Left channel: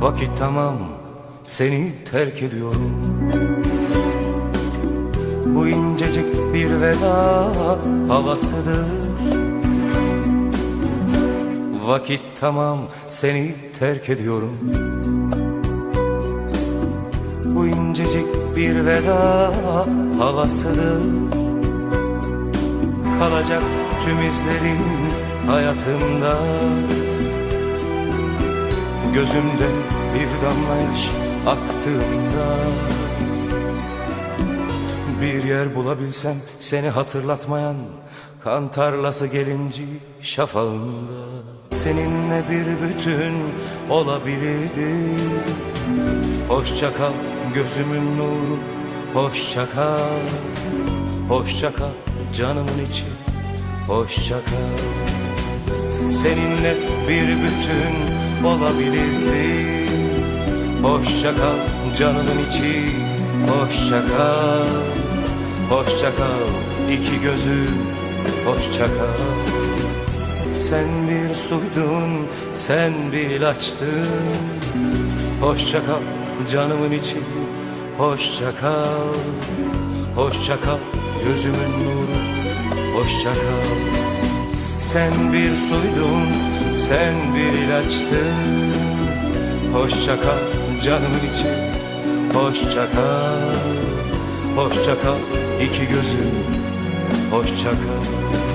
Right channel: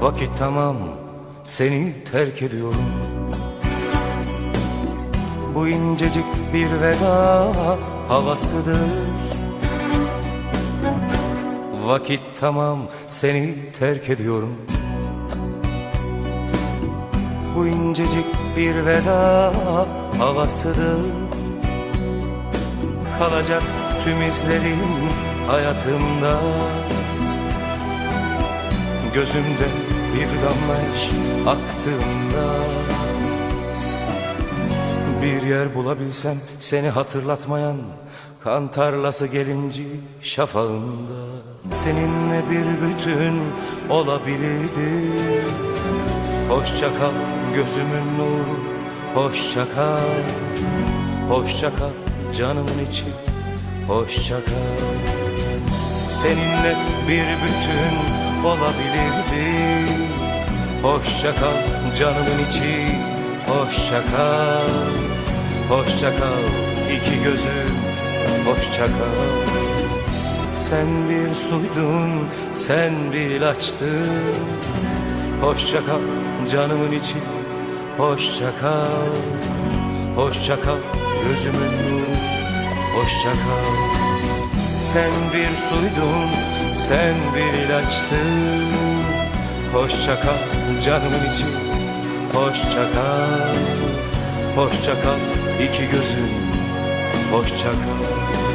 Vakit tamam seni terk ediyorum. Bu incecik bir veda havasıdır. Vakit tamam seni terk ediyorum. Bu incecik bir veda havasıdır. Kalacak tüm izlerin hayatımda Gözümden bir damla yaş aktığında Bir yer bulabilsem seni hatırlatmayan Kan tarlası gelinci şafağında Seninle bir bütün olabilirdi. Hoşça kal gözümün nuru Hoşça kal Hoşça kal canımın içi Hoşça kal. Seninle bir bütün olabilirdi. Hoşça kal canımın içi Hoşça kal. Hoşça kal iki gözüm Hoşça kal. Sen bir suydun sen bir ilaçtın Hoşça kal canımın içi Hoşça kal. Hoşça kal gözümün nuru Hoşça kal sen bir suydun, sen bir ilaçtın. Hoşça kal canımın içi Hoşça kal, hoşça kal iki gözüm Hoşça kal